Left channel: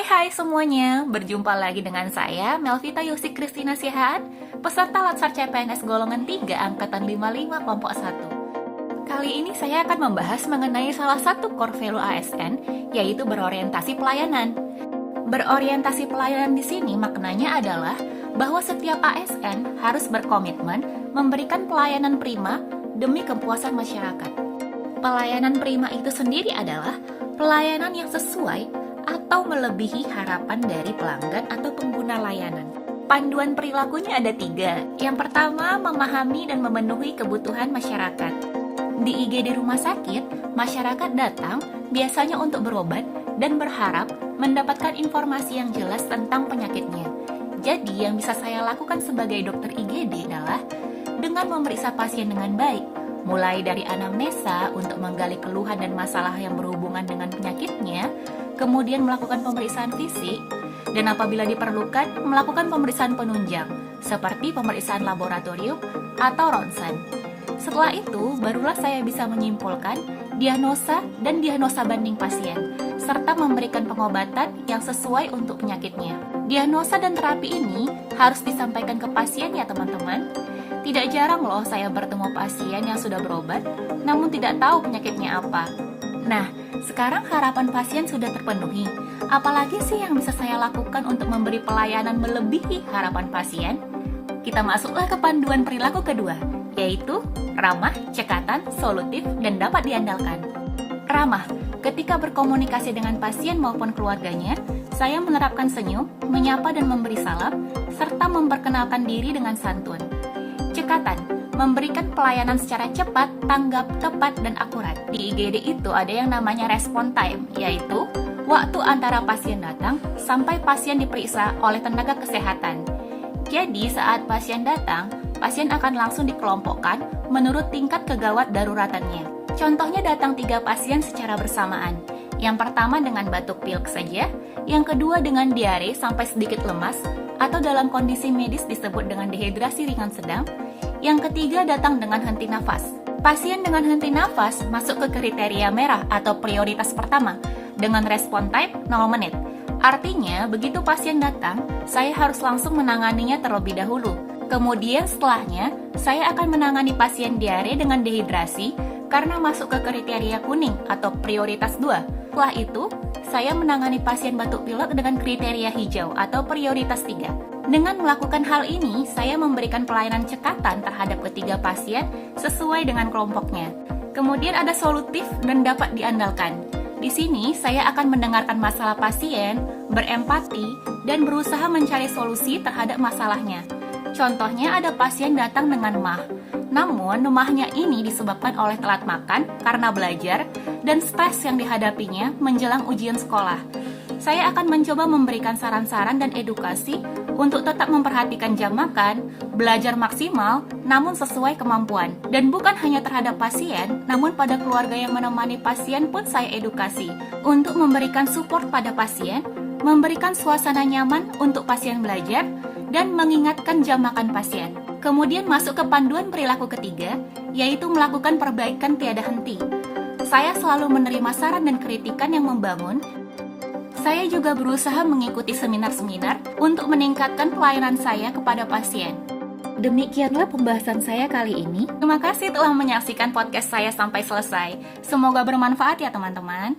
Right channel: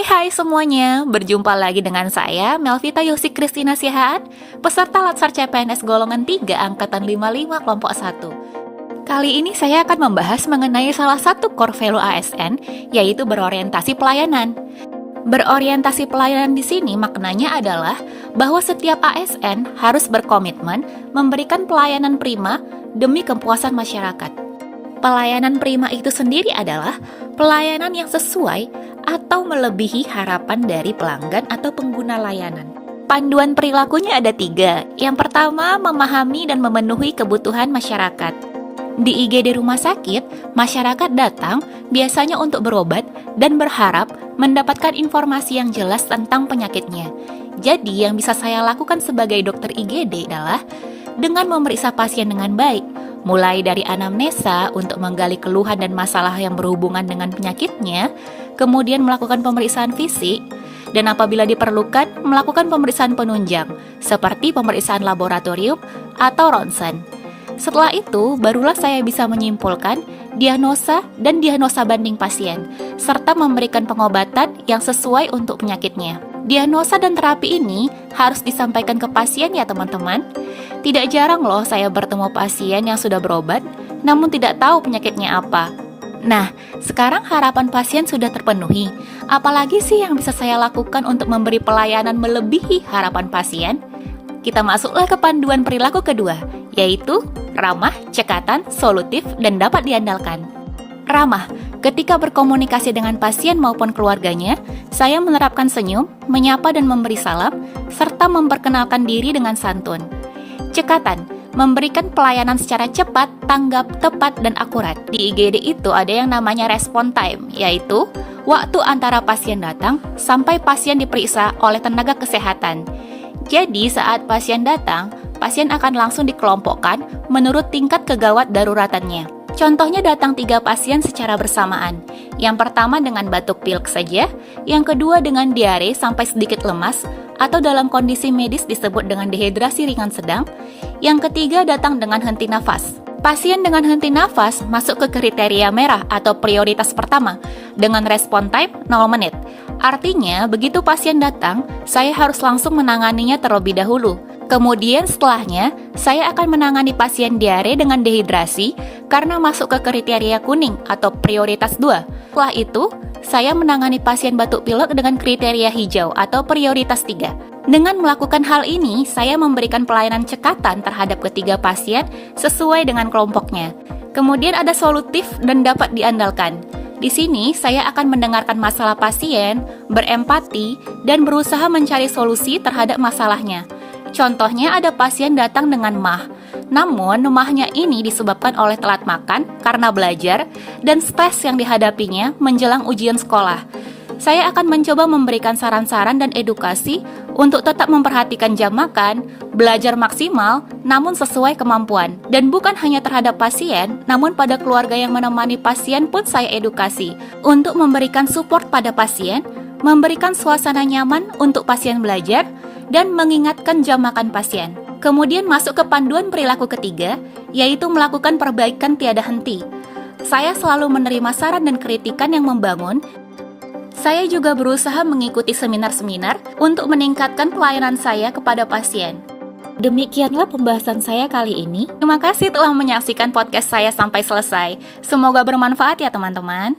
Hai semuanya, berjumpa lagi dengan saya Melvita Yosi Kristina Sihaan, peserta Latsar CPNS golongan 3 angkatan 55 kelompok 1. Kali ini saya akan membahas mengenai salah satu core value ASN, yaitu berorientasi pelayanan. Berorientasi pelayanan di sini maknanya adalah bahwa setiap ASN harus berkomitmen memberikan pelayanan prima demi kepuasan masyarakat. Pelayanan prima itu sendiri adalah pelayanan yang sesuai atau melebihi harapan dari pelanggan atau pengguna layanan. Panduan perilakunya ada 3. Yang pertama, memahami dan memenuhi kebutuhan masyarakat. Di IGD rumah sakit, masyarakat datang biasanya untuk berobat dan berharap mendapatkan informasi yang jelas tentang penyakitnya. Jadi, yang bisa saya lakukan sebagai dokter IGD adalah dengan memeriksa pasien dengan baik, mulai dari anamnesa untuk menggali keluhan dan masalah yang berhubungan dengan penyakitnya, kemudian melakukan pemeriksaan fisik, dan apabila diperlukan, melakukan pemeriksaan penunjang, seperti pemeriksaan laboratorium atau ronsen. Setelah itu, barulah saya bisa menyimpulkan diagnosa dan diagnosa banding pasien, serta memberikan pengobatan yang sesuai untuk penyakitnya. Diagnosa dan terapi ini harus disampaikan ke pasien ya teman-teman. Tidak jarang loh saya bertemu pasien yang sudah berobat, namun tidak tahu penyakitnya apa. Nah, sekarang harapan pasien sudah terpenuhi. Apalagi sih yang bisa saya lakukan untuk memberi pelayanan melebihi harapan pasien? Kita masuklah ke panduan perilaku kedua, yaitu ramah, cekatan, solutif, dan dapat diandalkan. Ramah, ketika berkomunikasi dengan pasien maupun keluarganya, saya menerapkan senyum, menyapa dan memberi salam, serta memperkenalkan diri dengan santun. Cekatan, memberikan pelayanan secara cepat, tanggap, tepat, dan akurat. Di IGD itu ada yang namanya respon time, yaitu waktu antara pasien datang sampai pasien diperiksa oleh tenaga kesehatan. Jadi saat pasien datang, pasien akan langsung dikelompokkan menurut tingkat kegawat daruratannya. Contohnya datang 3 pasien secara bersamaan. Yang pertama dengan batuk pilek saja, yang kedua dengan diare sampai sedikit lemas, atau dalam kondisi medis disebut dengan dehidrasi ringan sedang, yang ketiga datang dengan henti nafas. Pasien dengan henti nafas masuk ke kriteria merah atau prioritas pertama dengan respon time 0 menit. Artinya, begitu pasien datang, saya harus langsung menanganinya terlebih dahulu. Kemudian setelahnya, saya akan menangani pasien diare dengan dehidrasi karena masuk ke kriteria kuning atau prioritas 2. Setelah itu, saya menangani pasien batuk pilek dengan kriteria hijau atau prioritas 3. Dengan melakukan hal ini, saya memberikan pelayanan cekatan terhadap ketiga pasien sesuai dengan kelompoknya. Kemudian ada solutif dan dapat diandalkan. Di sini, saya akan mendengarkan masalah pasien, berempati, dan berusaha mencari solusi terhadap masalahnya. Contohnya ada pasien datang dengan MAH, namun MAH-nya ini disebabkan oleh telat makan karena belajar dan stres yang dihadapinya menjelang ujian sekolah. Saya akan mencoba memberikan saran-saran dan edukasi untuk tetap memperhatikan jam makan, belajar maksimal, namun sesuai kemampuan. Dan bukan hanya terhadap pasien, namun pada keluarga yang menemani pasien pun saya edukasi untuk memberikan support pada pasien, memberikan suasana nyaman untuk pasien belajar, dan mengingatkan jam makan pasien. Kemudian masuk ke panduan perilaku ketiga, yaitu melakukan perbaikan tiada henti. Saya selalu menerima saran dan kritikan yang membangun. Saya juga berusaha mengikuti seminar-seminar untuk meningkatkan pelayanan saya kepada pasien. Demikianlah pembahasan saya kali ini. Terima kasih telah menyaksikan podcast saya sampai selesai. Semoga bermanfaat ya teman-teman.